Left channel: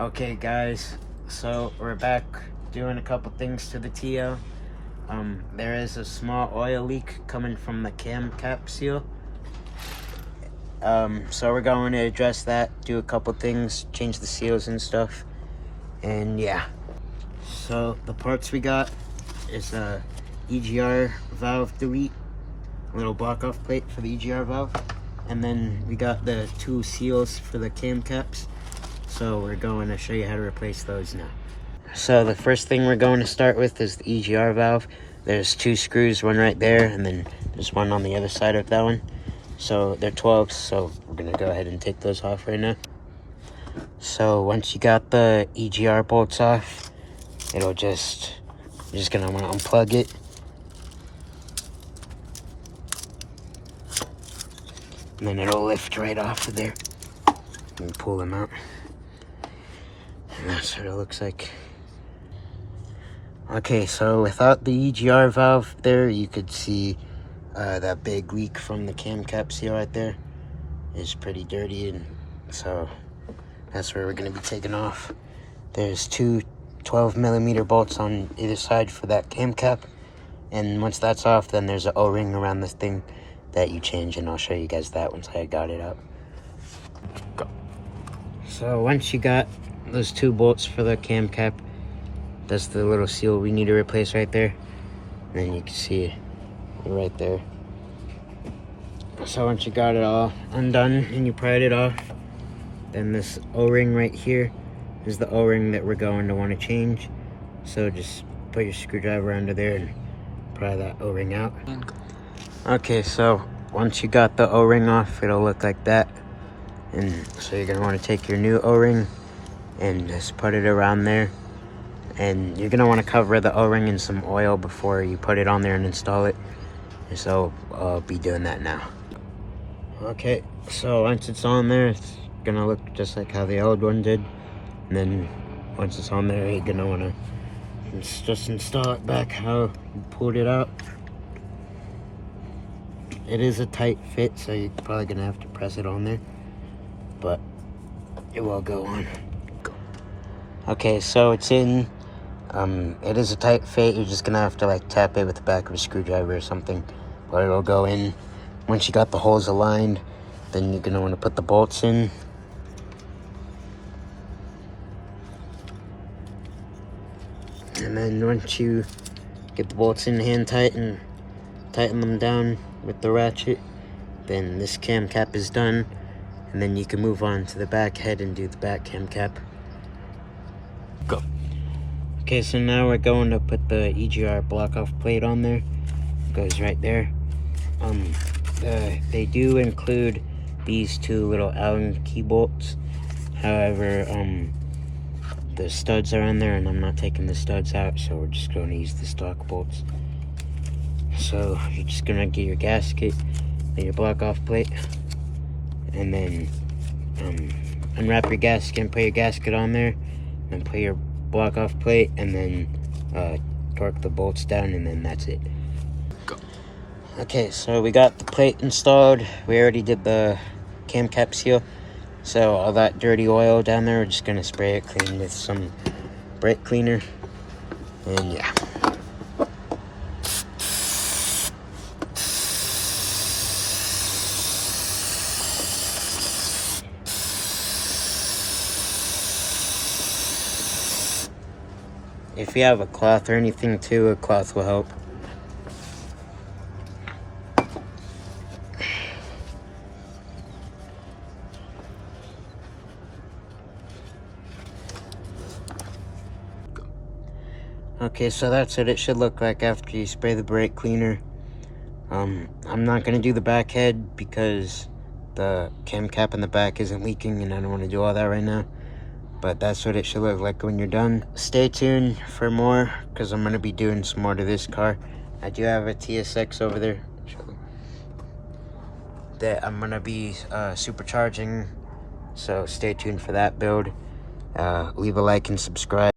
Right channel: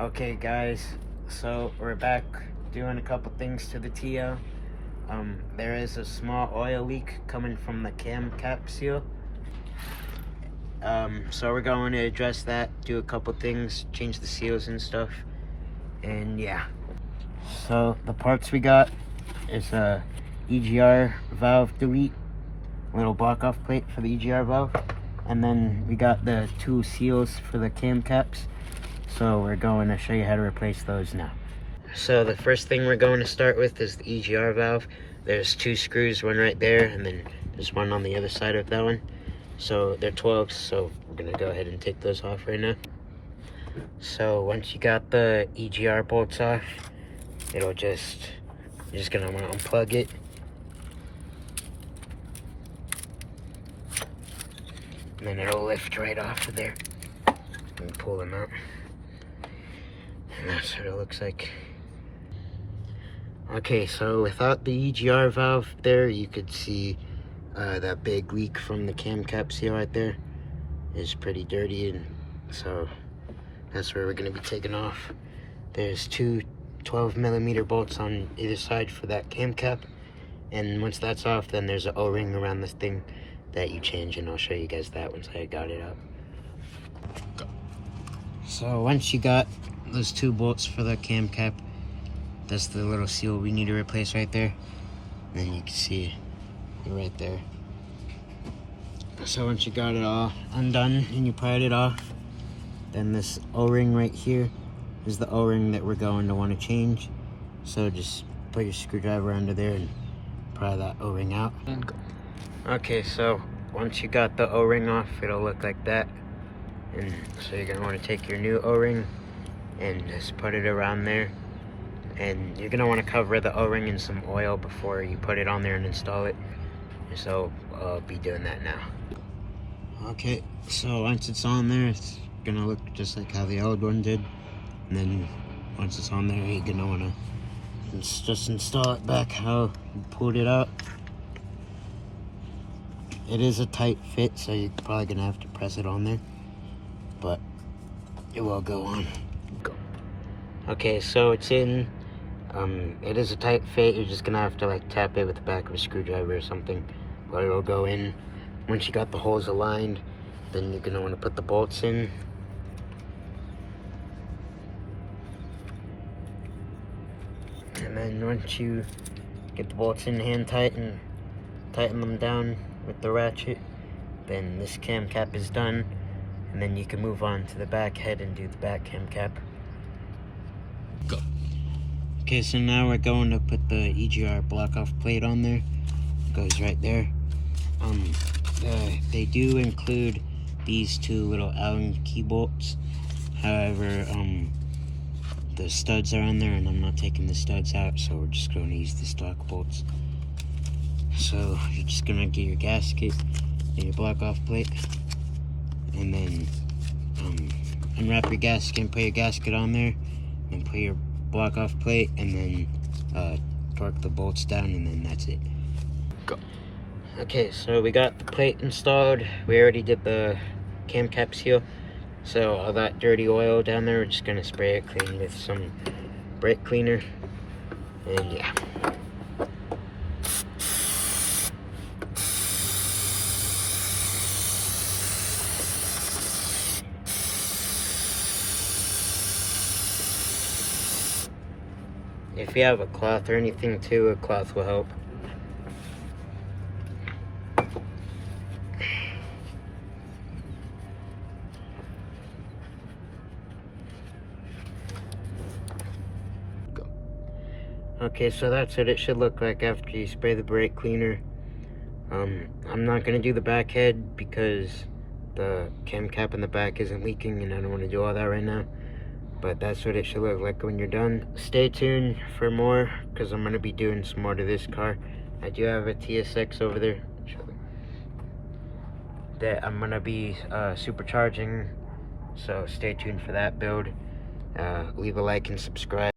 Okay guys, so we're back doing a couple things to the TL. There is a small oil leak coming from the cam cap seal. So we're going to address that, do a couple things, change the seals and stuff, and yeah. So the parts we got is a EGR valve delete, little block off plate for the EGR valve, and then we got the two seals for the cam caps. So we're going to show you how to replace those now. So the first thing we're going to start with is the EGR valve. There's two screws, one right there, and then there's one on the other side of that one. So they're 12s, so we're gonna go ahead and take those off right now. So once you got the EGR bolts off, you're just gonna wanna unplug it. And then it'll lift right off of there. And pull them out. And that's what it looks like. Okay, so without the EGR valve there, you could see that big leak from the cam cap seal right there is pretty dirty, and so that's where we're going to be taking off. There's two 12mm bolts on either side for that cam cap, and once that's off, then there's an O-ring around this thing that you change, and I'll show you guys that once I got it out. Go. So once you got those two bolts for the cam cap, that's the little seal we need to replace right there. And then you can see it right there. So once you got it all undone and you pried it off, then this O-ring right here is the O-ring that we're going to want to change. So just put your screwdriver under there and pry that O-ring out. And go. Okay, so once you got the O-ring off, it'll look like that. And so you're going to want to take your new O-ring and just put it around there. And you're gonna want to cover the O-ring in some oil before you put it on there and install it. So I'll be doing that now. Okay, so once it's on there, it's gonna look just like how the old one did. And then once it's on there, you're gonna want to just install it back how you pulled it out. It is a tight fit, so you're probably gonna have to press it on there, but it will go on. Go. Okay, so it's in. It is a tight fit. You're just gonna have to like tap it with the back of a screwdriver or something, but it'll go in. Once you got the holes aligned, then you're gonna want to put the bolts in. And then once you get the bolts in hand tight and tighten them down with the ratchet, then this cam cap is done, and then you can move on to the back head and do the back cam cap. Go. Okay, so now we're going to put the EGR block-off plate on there. It goes right there. They do include these two little Allen key bolts. However, the studs are on there, and I'm not taking the studs out, so we're just going to use the stock bolts. So you're just going to get your gasket and your block-off plate, and then unwrap your gasket and put your gasket on there, and put your block off plate, and then torque the bolts down, and then that's it. Go. Okay, so we got the plate installed. We already did the cam cap seal, so all that dirty oil down there, we're just gonna spray it clean with some brake cleaner, and yeah. If you have a cloth or anything too, a cloth will help. Go. Okay, so that's what it should look like after you spray the brake cleaner. I'm not gonna do the back head because the cam cap in the back isn't leaking, and I don't want to do all that right now. But that's what it should look like when you're done. Stay tuned for more, because I'm going to be doing some more to this car. I do have a TSX over there that I'm going to be supercharging, so stay tuned for that build. Leave a like and subscribe.